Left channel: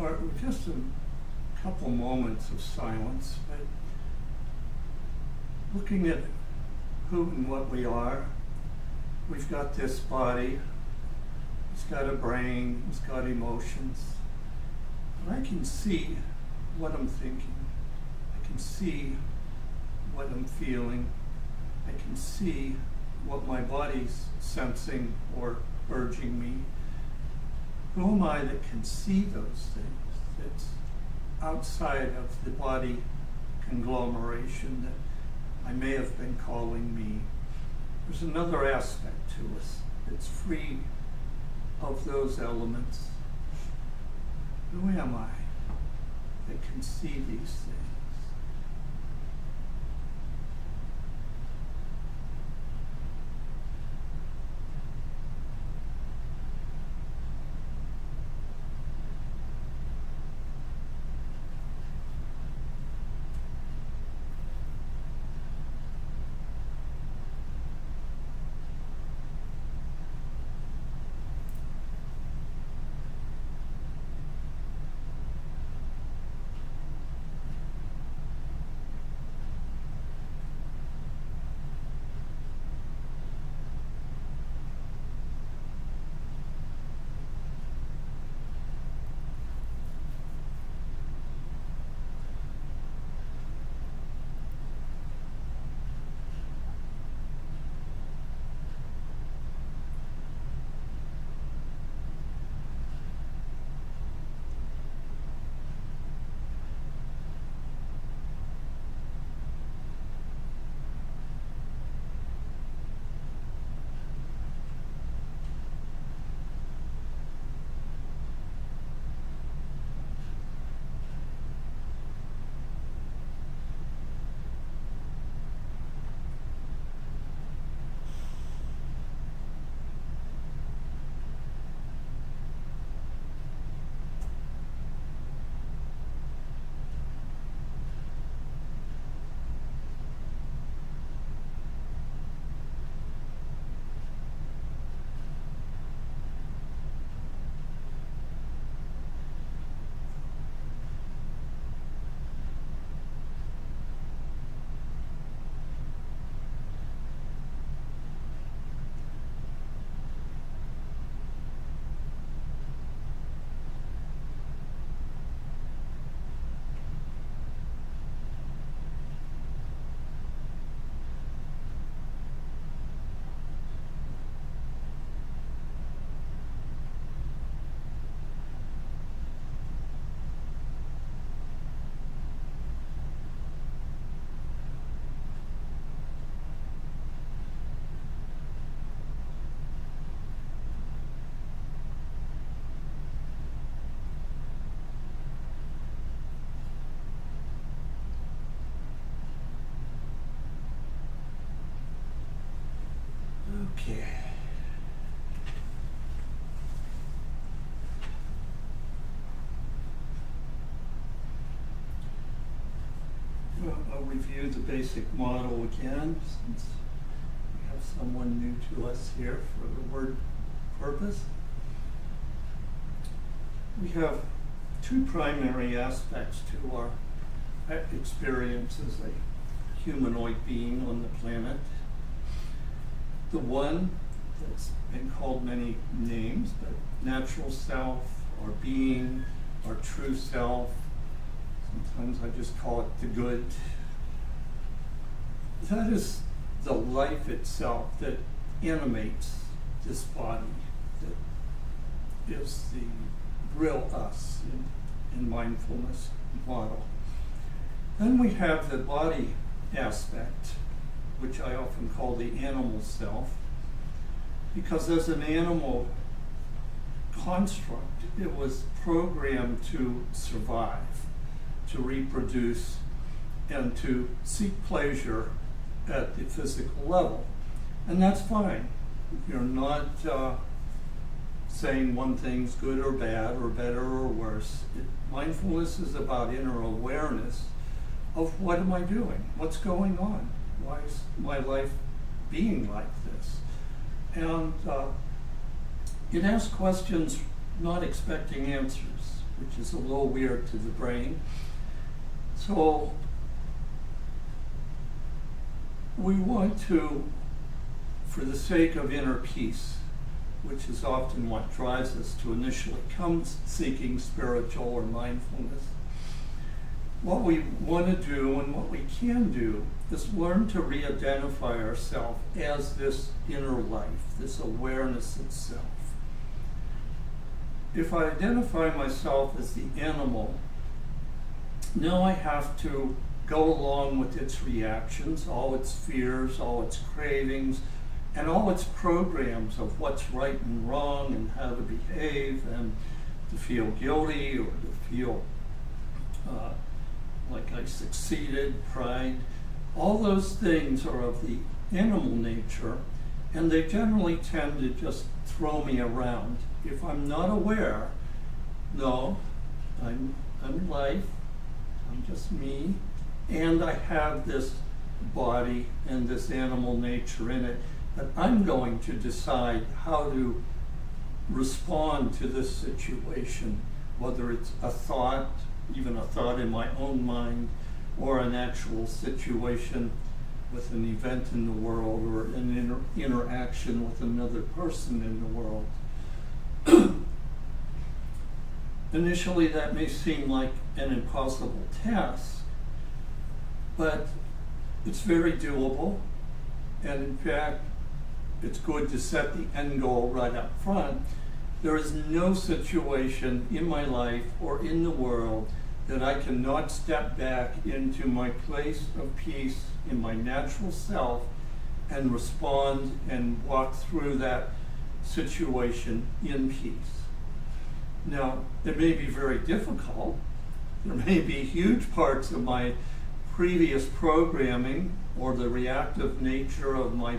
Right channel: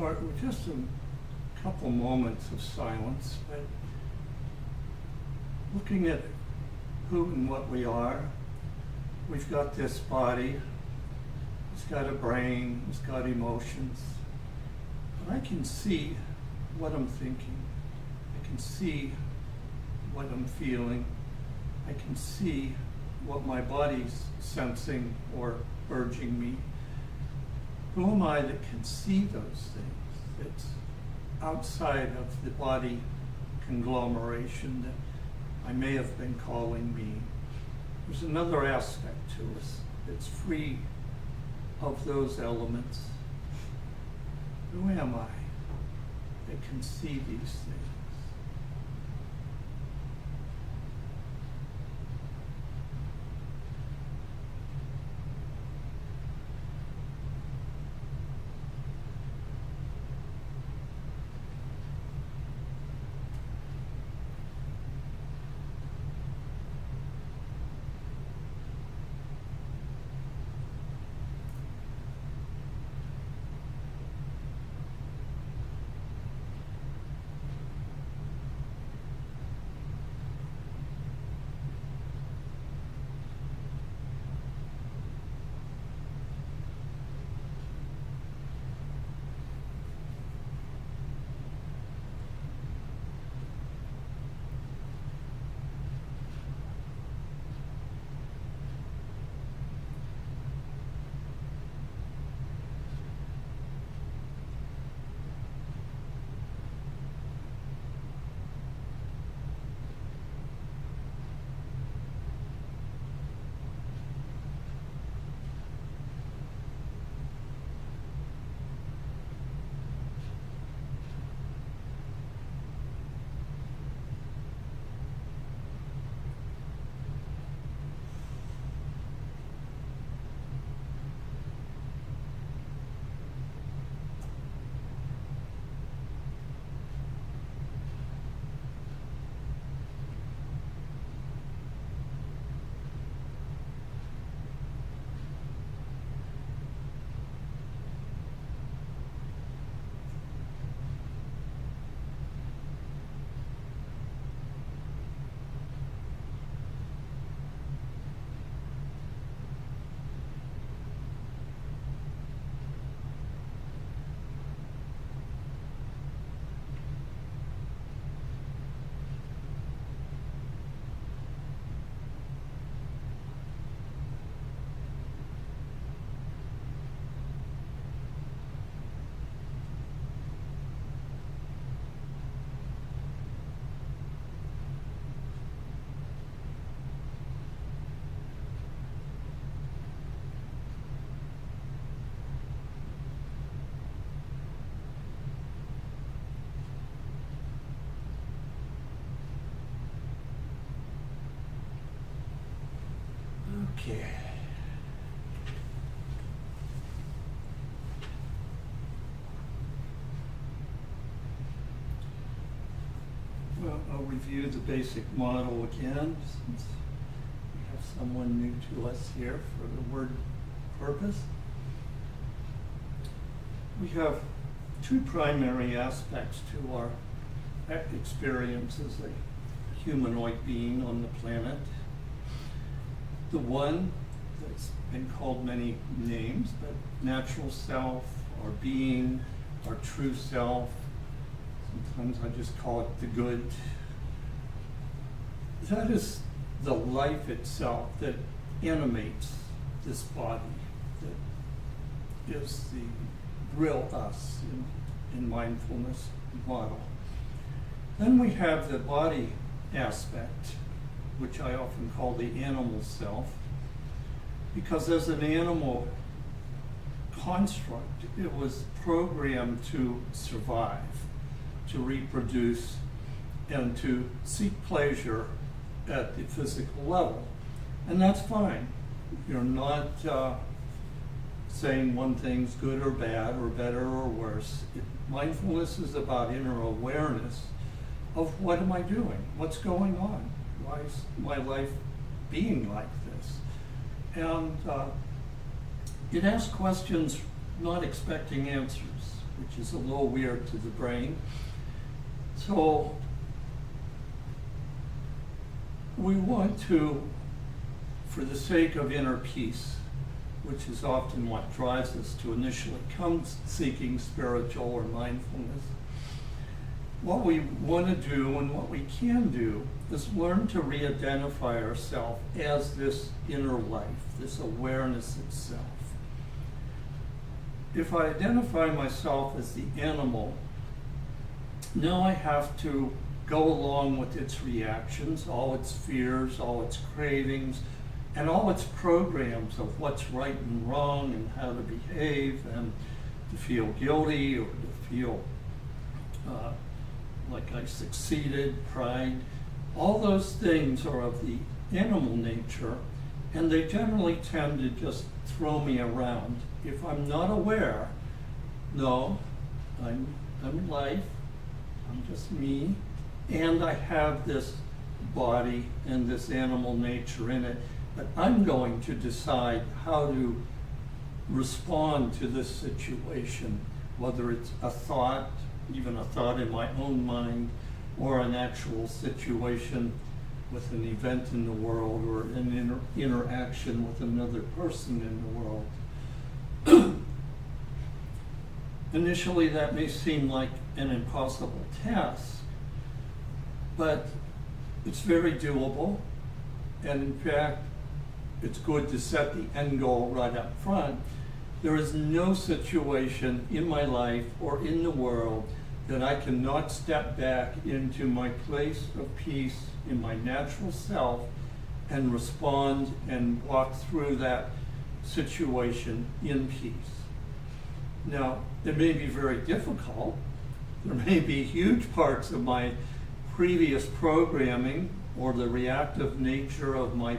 start with just a couple moments of silence, but looking at who and what we are. We've got this body, it's got a brain, it's got emotions, but I can see what I'm thinking. I can see what I'm feeling. I can see what my body's sensing or urging me. Who am I that can see those things? That's outside of the body conglomeration that I may have been calling me. There's another aspect to us that's free of those elements. Who am I that can see these things? Okay. Well, I'll review the basic model again, since we have someone new to us here for the word purpose. We have two primary aspects to our experience as a humanoid being on the planet. The one that's been called many names, but natural self, our being, our true self. Sometimes I just call it the good. That is the life itself that animates this body, that is the real us in mindfulness model. Then we have the body aspect, which I often call the animal self, because as an animal construct, it was programmed to survive, to reproduce, and to seek pleasure at the physical level. And that's fine. You're not saying one thing's good or bad, or better or worse. Mindfulness is about inner awareness of what am I doing? What's going on? Why is my life being like this? And it asks questions not expecting answers, which is a little weird to the brain. So we want to, for the sake of inner peace, which is often what drives us to initially come seeking spiritual or mindfulness, what we want to do and what we can do is learn to re-identify ourselves as this inner life, this awareness itself. If I identify myself as the animal, now I have to go along with its reactions, all its fears, all its cravings, and all its programs of what's right and wrong and how to behave and to feel guilty or to feel like I succeeded, pride. All those things are of the animal nature, and they generally tend to just throw me around. If I'm not aware, no, I'm life, I'm just me, and I have this body and this animal nature in it, but I'm going to decide how to respond to this situation, whether it's a thought, even a thought in my own mind, or an actual situation with an event in the world or an interaction with another person in the world. Initially, that may seem like an impossible task, but it's very doable, and in fact, it's good to set the end goal right up front. There is no situation in my life or in the world that I cannot step back into my place of peace in my natural self and respond and walk through that situation in peace. Now, it may be very difficult. There may be huge parts of my previous programming or the reactive nature of my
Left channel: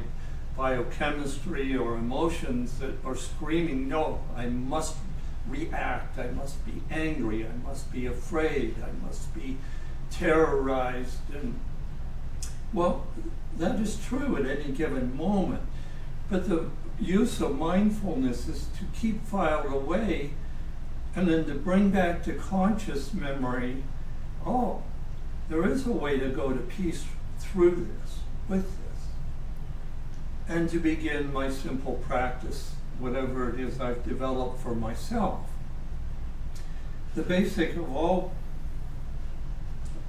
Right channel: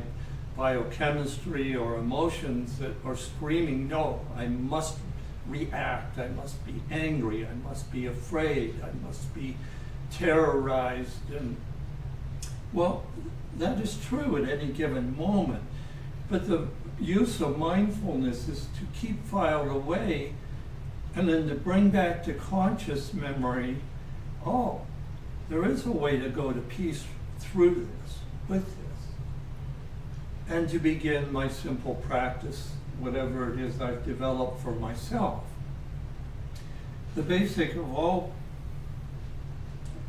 biochemistry or emotions that are screaming, no, I must react, I must be angry, I must be afraid, I must be terrorized. And well, that is true at any given moment, but the use of mindfulness is to keep filed away and then to bring back to conscious memory, oh, there is a way to go to peace through this, with this, and to begin my simple practice, whatever it is I've developed for myself. The basic of all,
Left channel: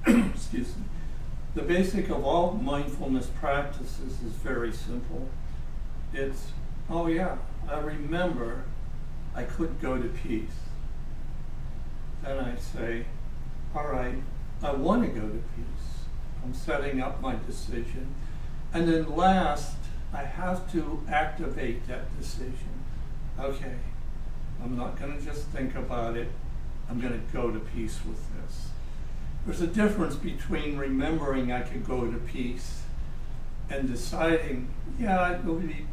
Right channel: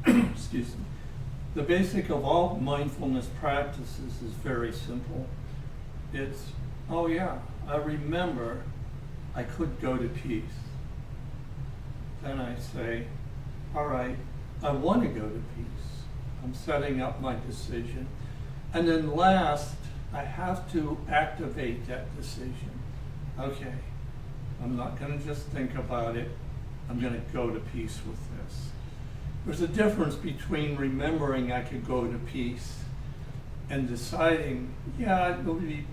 excuse me, the basic of all mindfulness practices is very simple. It's, oh yeah, I remember I could go to peace. Then I say, all right, I want to go to peace. I'm setting up my decision. And then last, I have to activate that decision. Okay, I'm not going to just think about it. I'm going to go to peace with this. There's a difference between remembering I could go to peace and deciding, yeah, it would be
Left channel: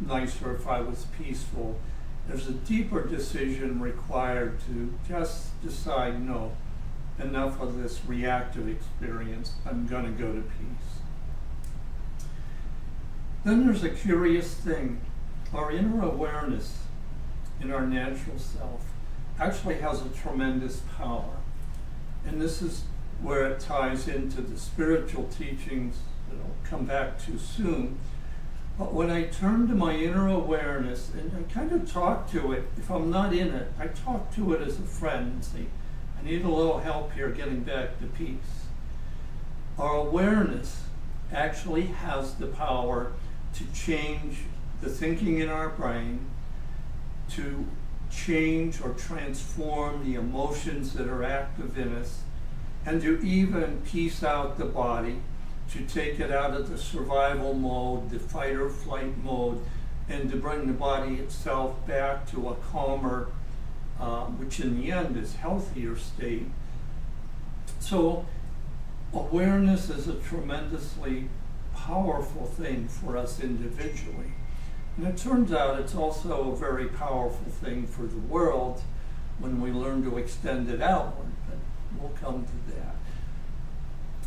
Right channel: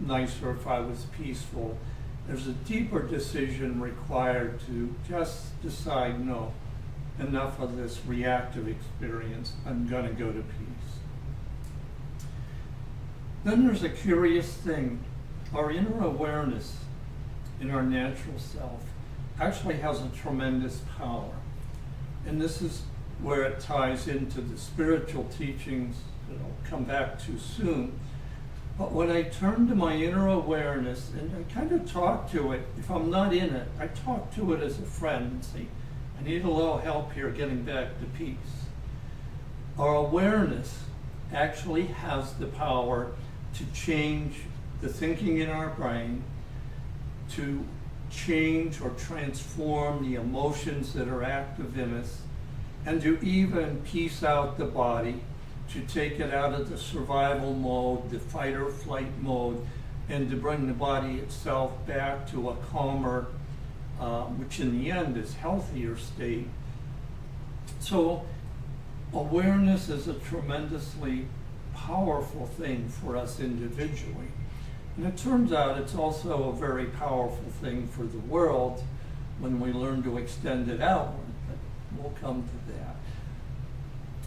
nicer if I was peaceful. There's a deeper decision required to just decide, no, enough of this reactive experience. I'm going to go to peace. Then there's a curious thing. Our inner awareness in our natural self actually has a tremendous power. And this is where it ties into the spiritual teachings that I'll come back to soon. But when I turn to my inner awareness and I kind of talk to it, if I'm not in it, I talk to it as a friend and say, I need a little help here getting back to peace. Our awareness actually has the power to change the thinking in our brain, to change or transform the emotions that are active in us, and to even peace out the body, to take it out of the survival mode, the fight or flight mode, and to bring the body itself back to a calmer, which in the end is healthier state. So awareness is a tremendously powerful thing for us individually. And it turns out it's also a very powerful thing for the world when we learn to extend it outward, but we'll come to that.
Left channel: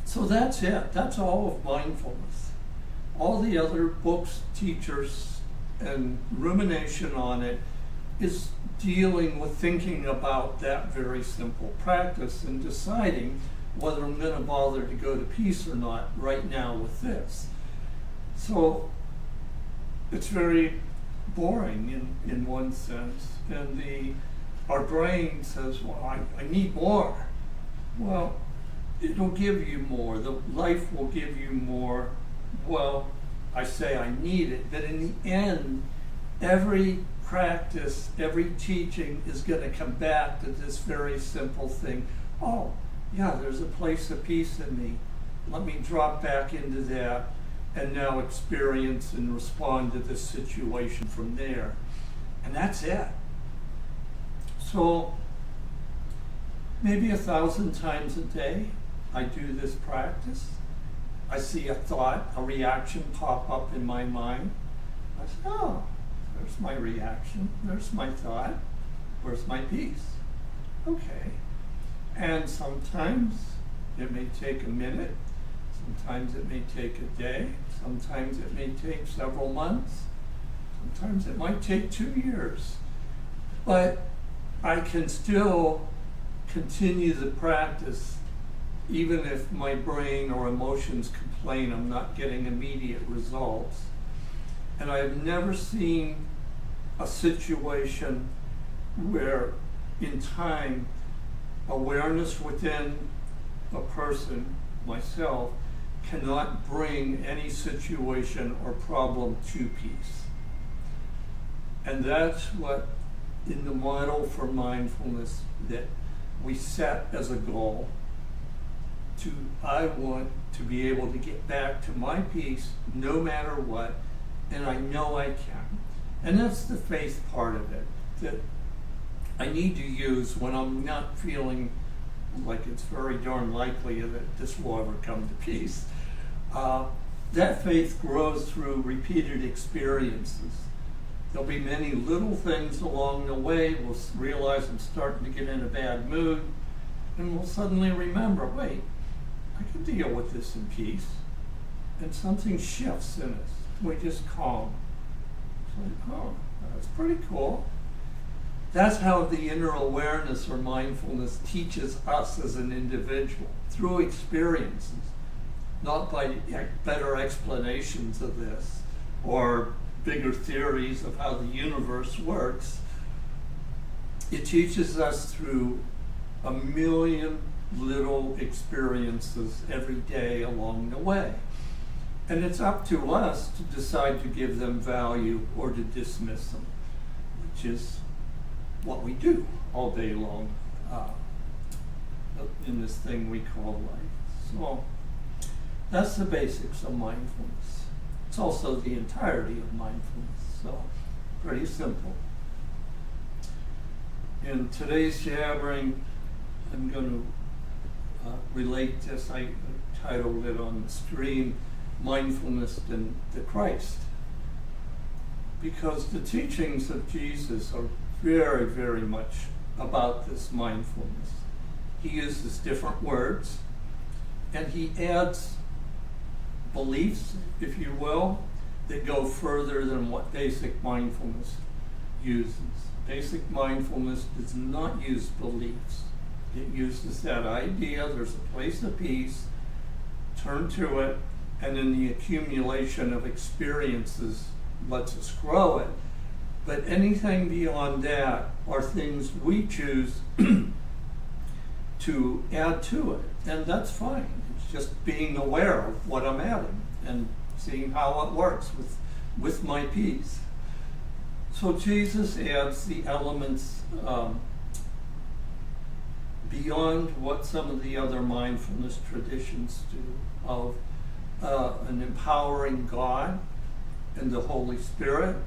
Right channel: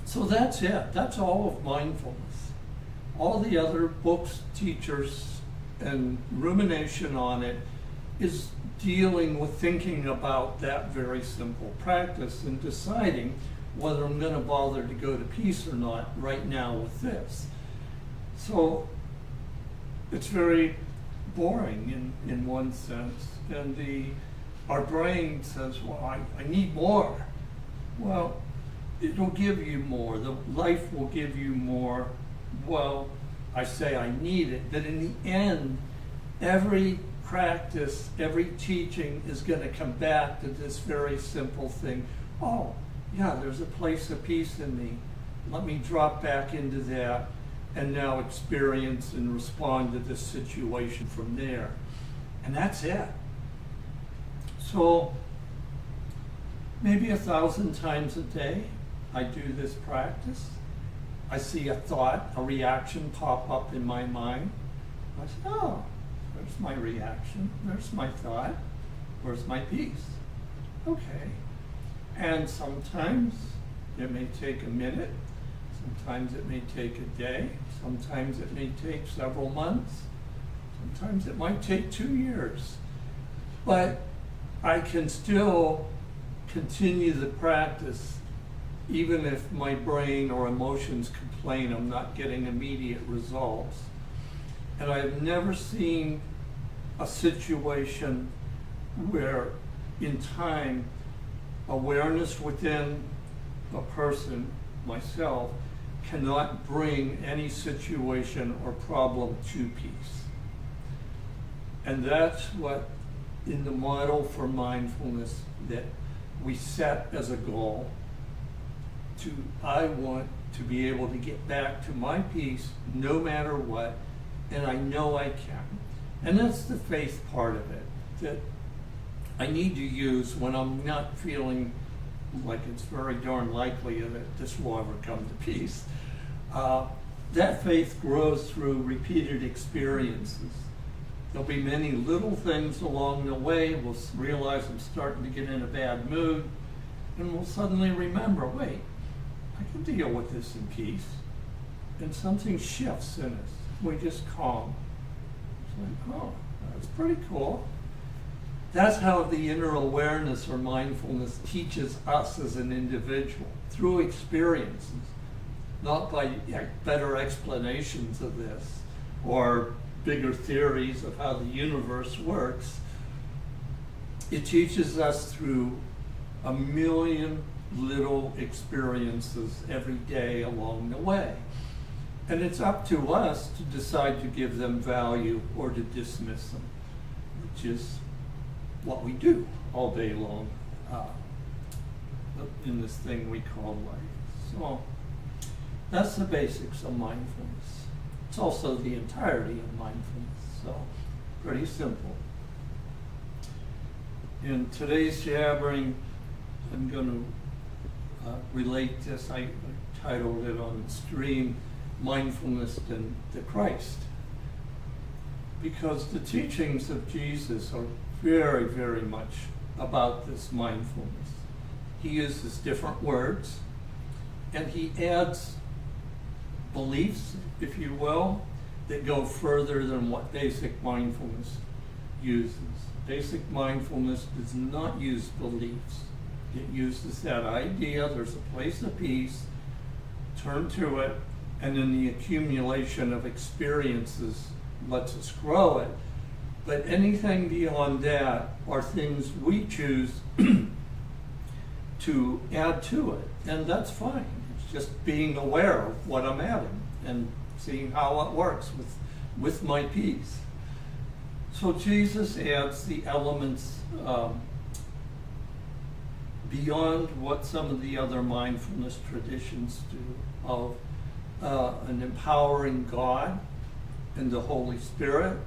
So that's it. That's all of mindfulness. All the other books, teachers, and rumination on it is dealing with thinking about that very simple practice and deciding whether I'm going to bother to go to peace or not right now with this. So it's very boring in one sense, and our brain says, well, I need more. Well, it'll give you more. The life will give you more. Well, I say I need it, but in the end, every practice, every teaching is going to come back to this very simple thing. Oh, yeah, there's a place of peace in me. Let me drop back into that and now experience and respond to this situation from there. And that's it. So maybe 1,000 times a day I do this practice. I see a thought, a reaction pop up in my mind. I say, oh, there's my reaction, there's my thought, where's my peace? Okay. And sometimes it may take a minute, sometimes it may take a day, sometimes it may take several months, sometimes it might take 2 years. But I can still continue the practice even if my brain or emotions complain I'm not getting immediate results. And I have never seen a situation where in time awareness within a person, myself, cannot bring any situation or problem to peace. And that's what in the model for mindfulness that we set as a goal. I want to be able to get back to my peace no matter what, and I know I can. And that's the faith part of it that I need to use when I'm not feeling like it's very darn likely that this will ever come to peace. That faith grows through repeated experiences. There'll be many little things along the way. We'll realize I'm starting to get in a bad mood, and we'll suddenly remember, wait, I can deal with this in peace. And something shifts in us. We just calm. It's like, oh, that's pretty cool. That's how the inner awareness or mindfulness teaches us as an individual, through experiences, not by better explanations of this or bigger theories of how the universe works. It teaches us through a million little experiences every day along the way. And it's up to us to decide to give them value or to dismiss them, which is what we do all day long in this thing we call life. So that's the basics of mindfulness. It's also the entirety of mindfulness, so pretty simple. In today's jabbering, I'm going to relate this. I titled it on the stream, Mindfulness and the Christ, because the teachings of Jesus are very, very much about this mindfulness. He uses different words, and he adds beliefs, if you will, that go further than what basic mindfulness uses. Basic mindfulness does not use beliefs. It uses that idea, there's a place of peace, turn to it, and then the accumulation of experiences lets us grow it. But anything beyond that are things we choose to add to it, and that's fine. It's just being aware of what I'm adding and seeing how it works with my peace. So Jesus adds the elements beyond what some of the other mindfulness traditions do, of an empowering God and the Holy Spirit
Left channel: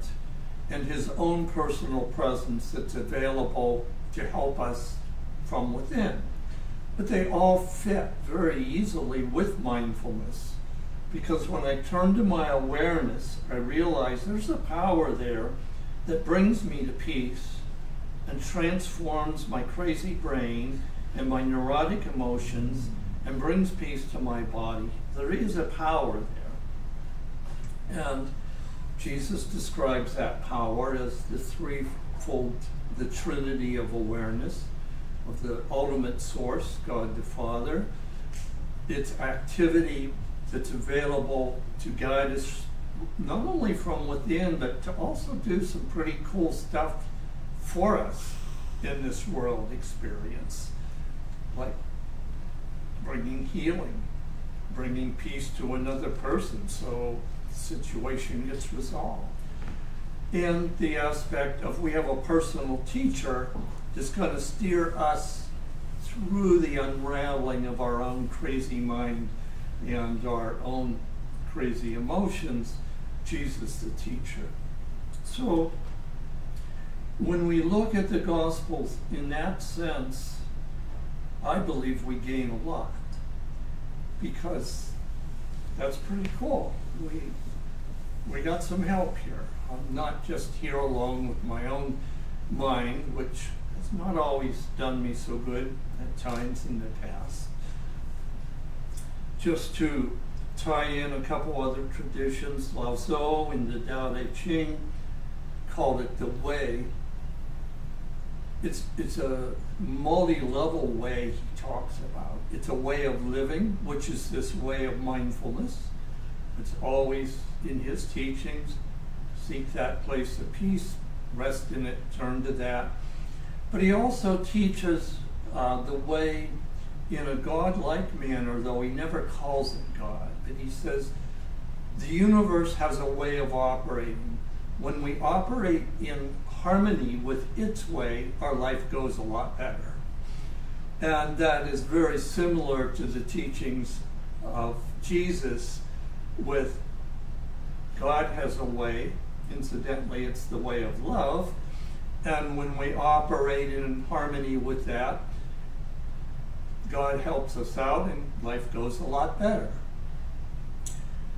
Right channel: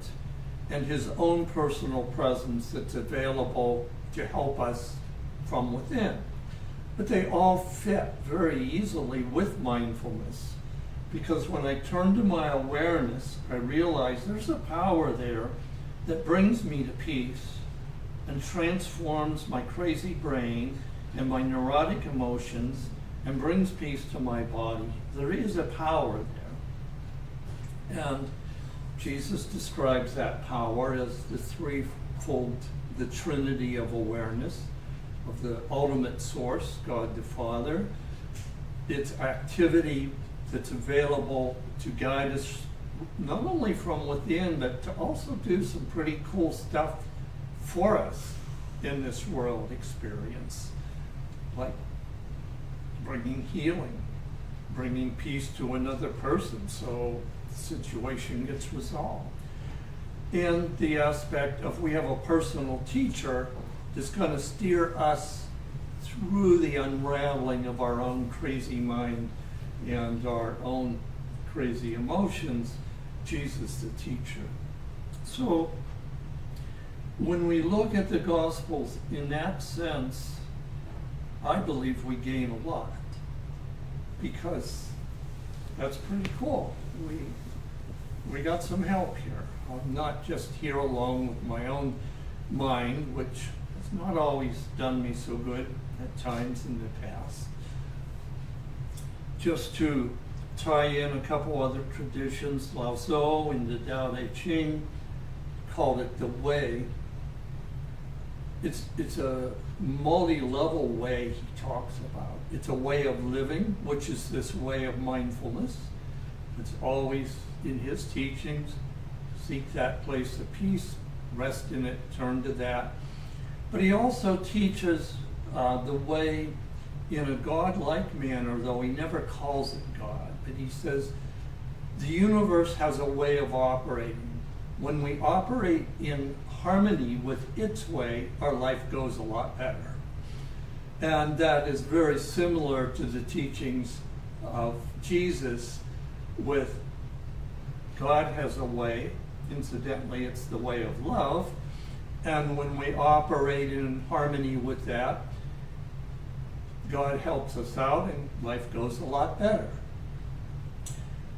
and his own personal presence that's available to help us from within. But they all fit very easily with mindfulness, because when I turn to my awareness, I realize there's a power there that brings me to peace and transforms my crazy brain and my neurotic emotions and brings peace to my body. There is a power there. And Jesus describes that power as the threefold, the Trinity of awareness, of the ultimate source, God the Father. It's activity that's available to guide us not only from within, but to also do some pretty cool stuff for us in this world experience, like bringing healing, bringing peace to another person so the situation gets resolved. And the aspect of we have a personal teacher that's going to steer us through the unraveling of our own crazy mind and our own crazy emotions, Jesus the teacher. So when we look at the Gospels in that sense, I believe we gain a lot, because that's pretty cool. We got some help here. I'm not just here alone with my own mind, which has not always done me so good at times in the past. Just to tie in a couple other traditions, Lao Tzu in the Tao Te Ching called it the way. It's a multi-level way he talks about. It's a way of living, which is this way of mindfulness. It's always in his teachings, seek that place of peace, rest in it, turn to that. But he also teaches the way in a God-like manner, though he never calls it God, but he says the universe has a way of operating. When we operate in harmony with its way, our life goes a lot better. And that is very similar to the teachings of Jesus with God has a way. Incidentally, it's the way of love. And when we operate in harmony with that, God helps us out and life goes a lot better.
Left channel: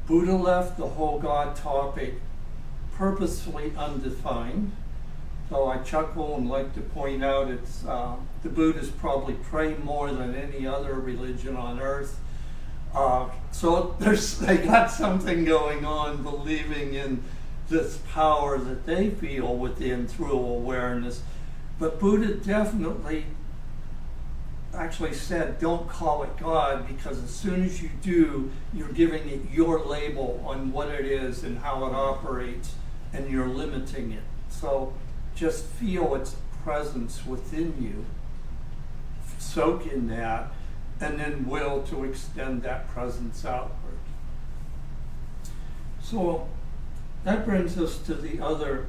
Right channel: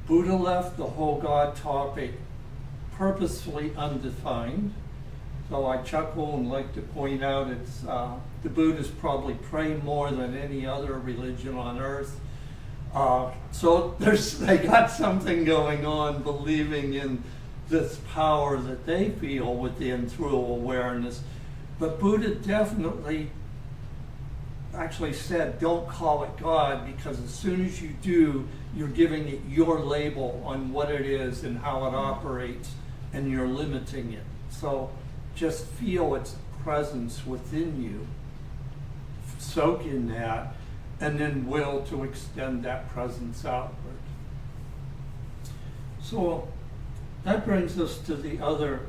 Buddha left the whole God topic purposefully undefined. So I chuckle and like to point out it's the Buddhists probably pray more than any other religion on earth. So they got something going on, believing in this power that they feel within through awareness. But Buddha definitely actually said, don't call it God, because as soon as you do, you're giving it your label on what it is and how it operates, and you're limiting it. So just feel its presence within you, soak in that, and then will to extend that presence outward. So that brings us to the other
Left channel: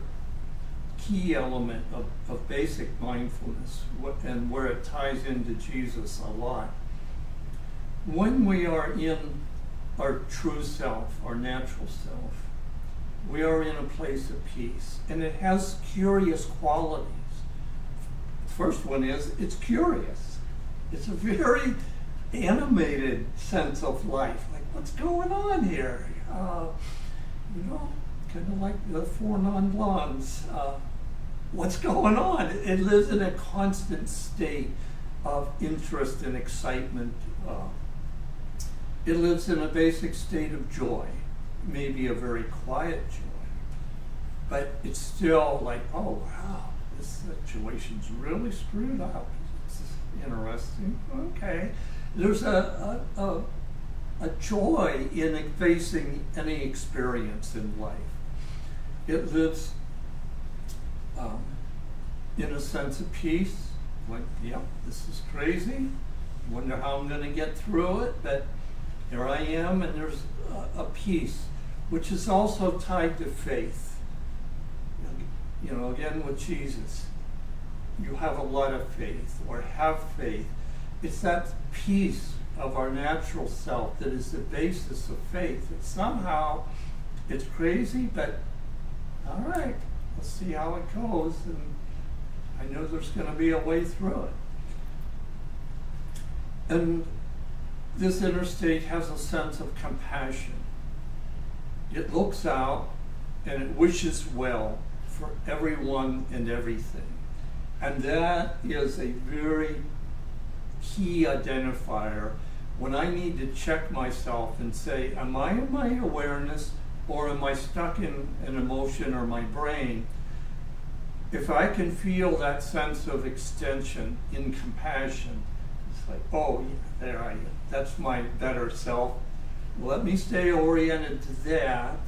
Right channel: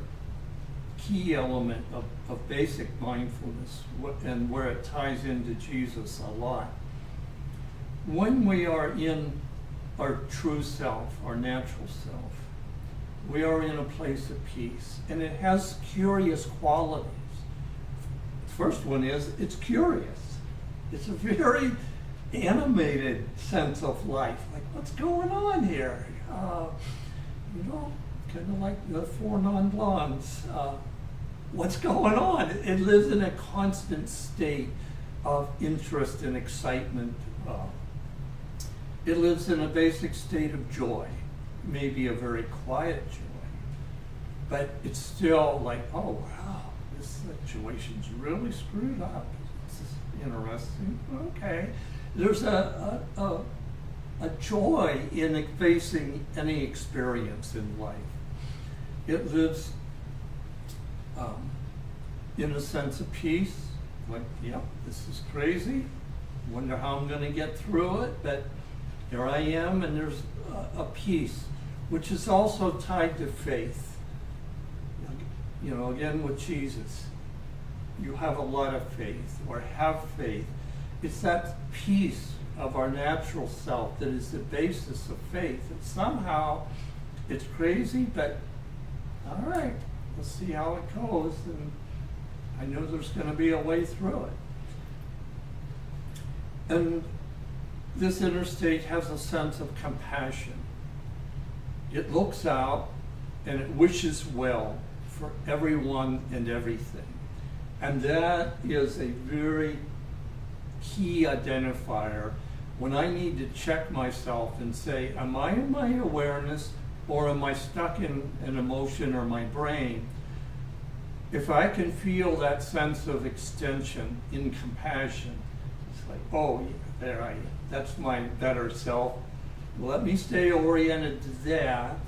key element of basic mindfulness, and where it ties into Jesus a lot. When we are in our true self, our natural self, we are in a place of peace, and it has curious qualities. The first one is it's curious. It's a very animated sense of life. Like, what's going on here? Kind of like the Four Non-Blondes. What's going on? It lives in a constant state of interest and excitement. It lives in a basic state of joy, maybe a very quiet joy, but it's still like, oh wow, this situation's really screwed up. This is interesting. Okay. There's a joy in facing any experience in life. It lives in a sense of peace, like, yep, this is crazy, wonder how I'm going to get through it, but here I am, and there's a peace, which is also tied to faith. Again with Jesus, you have a lot of faith, or have faith. It's that peace of our natural self that is the basis of faith. And somehow it's crazy, but all right, let's see how it goes. And I know there's going to be a way through it. And this inner state has a sense of compassion. It looks out and it wishes well for everyone and everything. And that is a very key identifier when I need to check myself and say, am I in my awareness, or am I stuck in an emotion or my brain? If I can feel that sense of extension in compassion, it's like, oh, yeah, there I am. That's my better self. Let me stay oriented to that.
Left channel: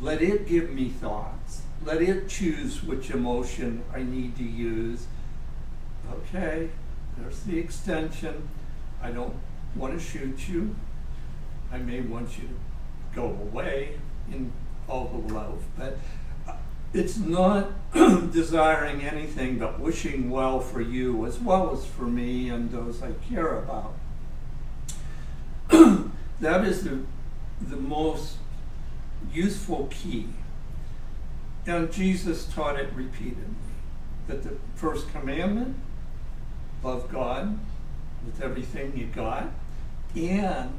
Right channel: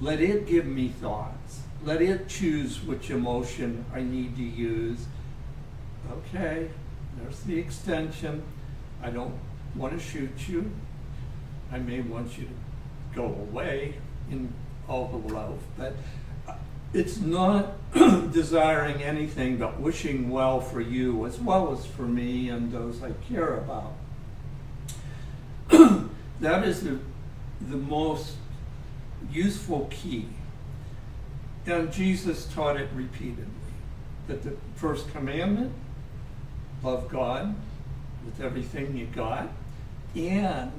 Let it give me thoughts. Let it choose which emotion I need to use. Okay, there's the extension. I don't want to shoot you. I may want you to go away in all the love, but it's not desiring anything but wishing well for you as well as for me and those I care about. That is the most useful key. And Jesus taught it repeatedly. That the first commandment, love God with everything you got, and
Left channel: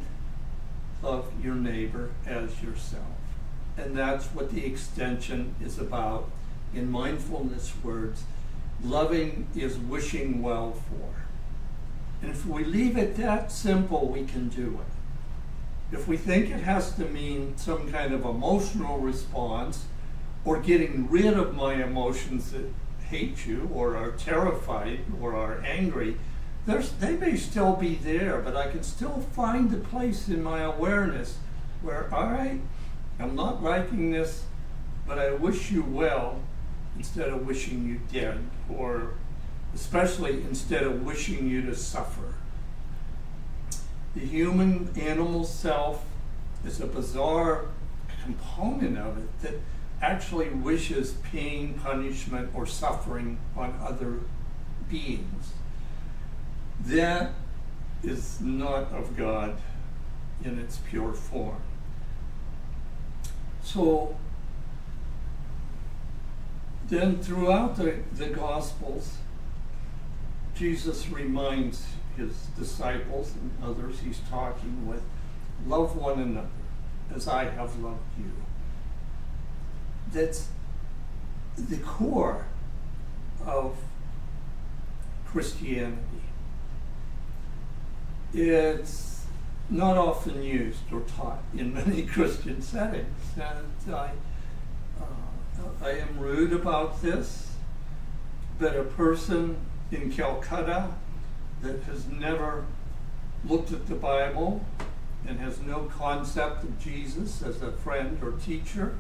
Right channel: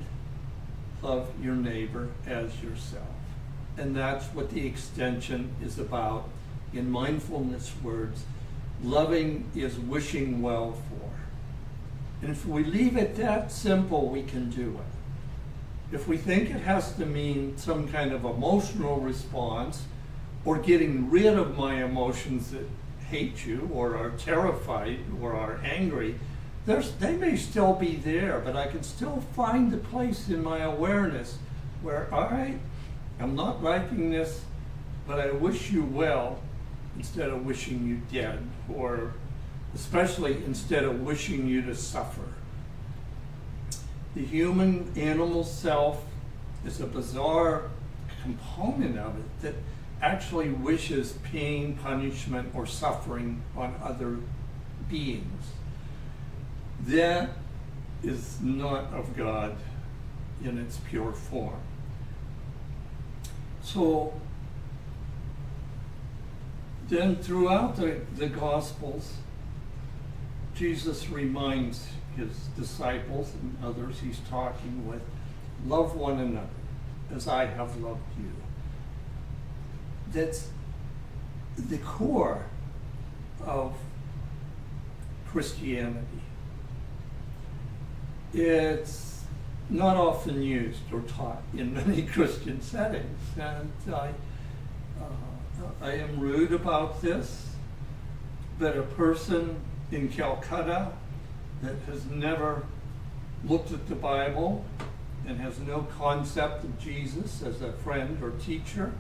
love your neighbor as yourself. And that's what the extension is about. In mindfulness words, loving is wishing well for. And if we leave it that simple, we can do it. If we think it has to mean some kind of emotional response, or getting rid of my emotions that hate you, or are terrified, or are angry, they may still be there, but I can still find a place in my awareness where, all right, I'm not liking this, but I wish you well instead of wishing you dead, or especially instead of wishing you to suffer. The human animal self is a bizarre component of it that actually wishes pain, punishment, or suffering on other beings. That is not of God in its pure form. So then throughout the Gospels, Jesus reminds his disciples and others he's talking with, love one another as I have loved you. That's the core of Christianity. It's not often used or taught in many Christian settings, and I am rude about this, but a person in Calcutta that has never looked at the Bible and has no concept of Jesus as a friend or teacher,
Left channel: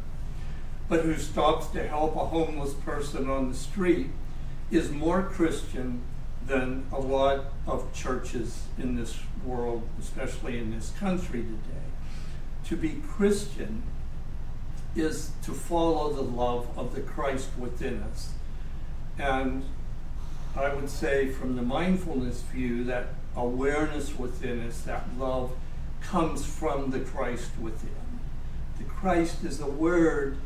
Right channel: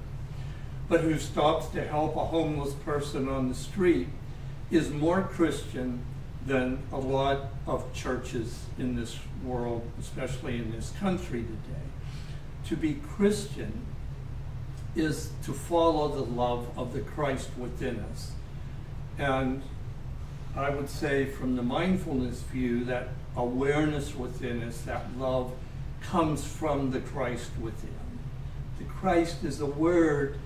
but who stops to help a homeless person on the street, is more Christian than a lot of churches in this world, especially in this country today. To be Christian is to follow the love of the Christ within us. And I would say from the mindfulness view, that awareness within us, that love, comes from the Christ within. The Christ is a word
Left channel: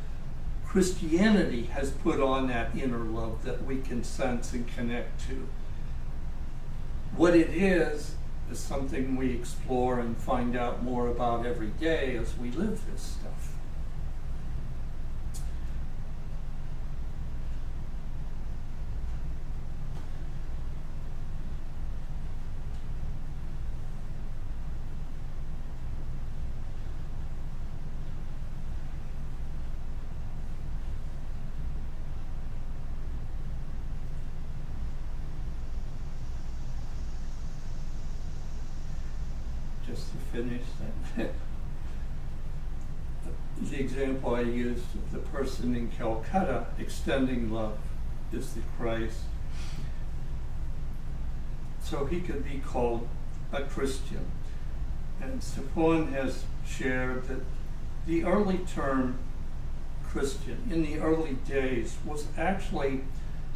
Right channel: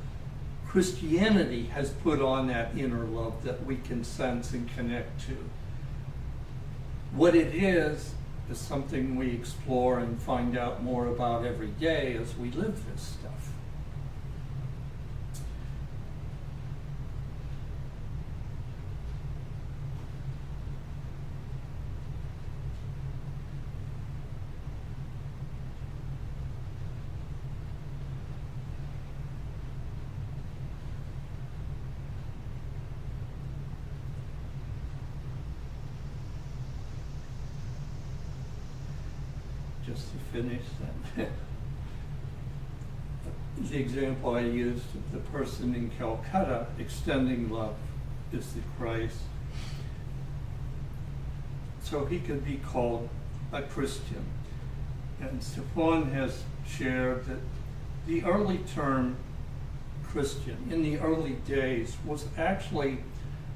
Christianity has put on that inner love that we can sense and connect to. What it is something we explore and find out more about every day as we live this stuff. Just to finish that, the example I used of the person in Calcutta extending love is the Christ. So he could be called a Christian. And Stefan has shared that the early term Christian in the early days was actually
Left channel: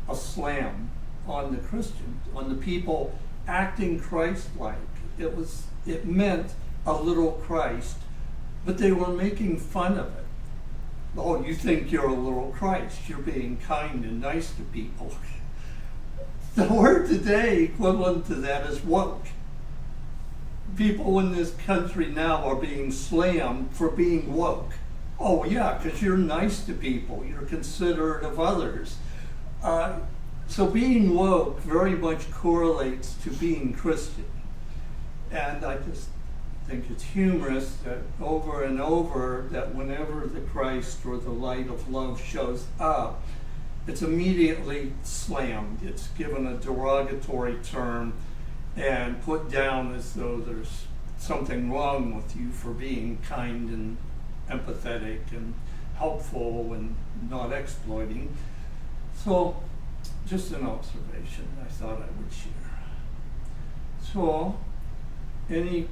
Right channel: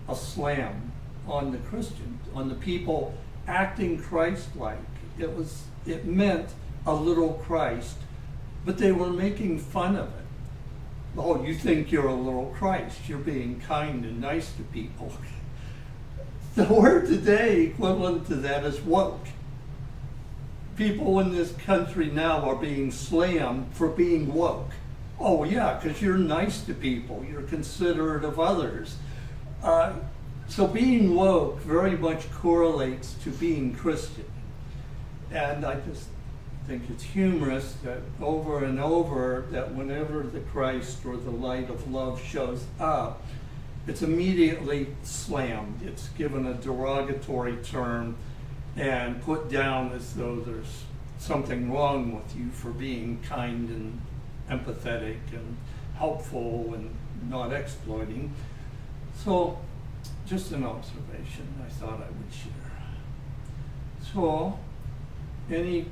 a slam on the Christian, on the people acting Christ-like. It meant a little Christ, but they were making fun of it. Oh, you think you're a little Christ. You're being kind and nice to people. The word today equivalent to that is woke. People in this country now are being slammed for being woke. Oh yeah, because you're nice to people. You're considerate of others. So being woke very much correlates to being Christian. And I just think it's humorous that over and over, that whenever the Christ or the light of love shows up, it's immediately slammed. It's given a derogatory term and put down as though there's something wrong with you for being kind and empathetic and helpful and not exploiting. So, just an observation I thought I would share. So, any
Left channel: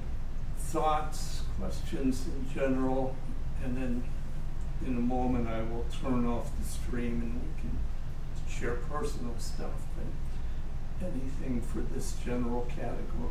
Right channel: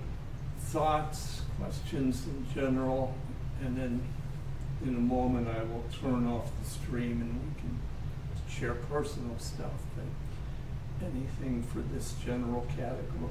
thoughts, questions in general, and then in a moment I will turn off the stream and we can share personal stuff, but anything for this general category.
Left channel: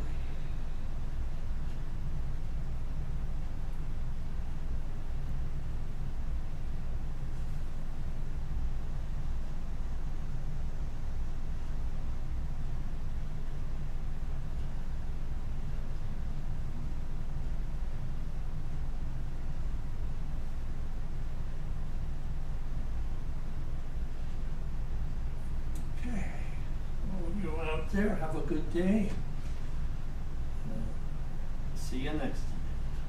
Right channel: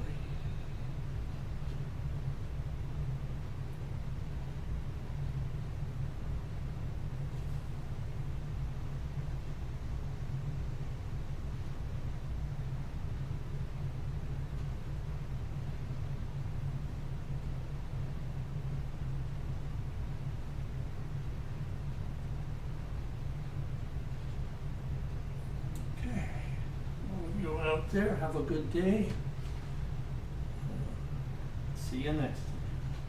Out there, have a good day. See you next time.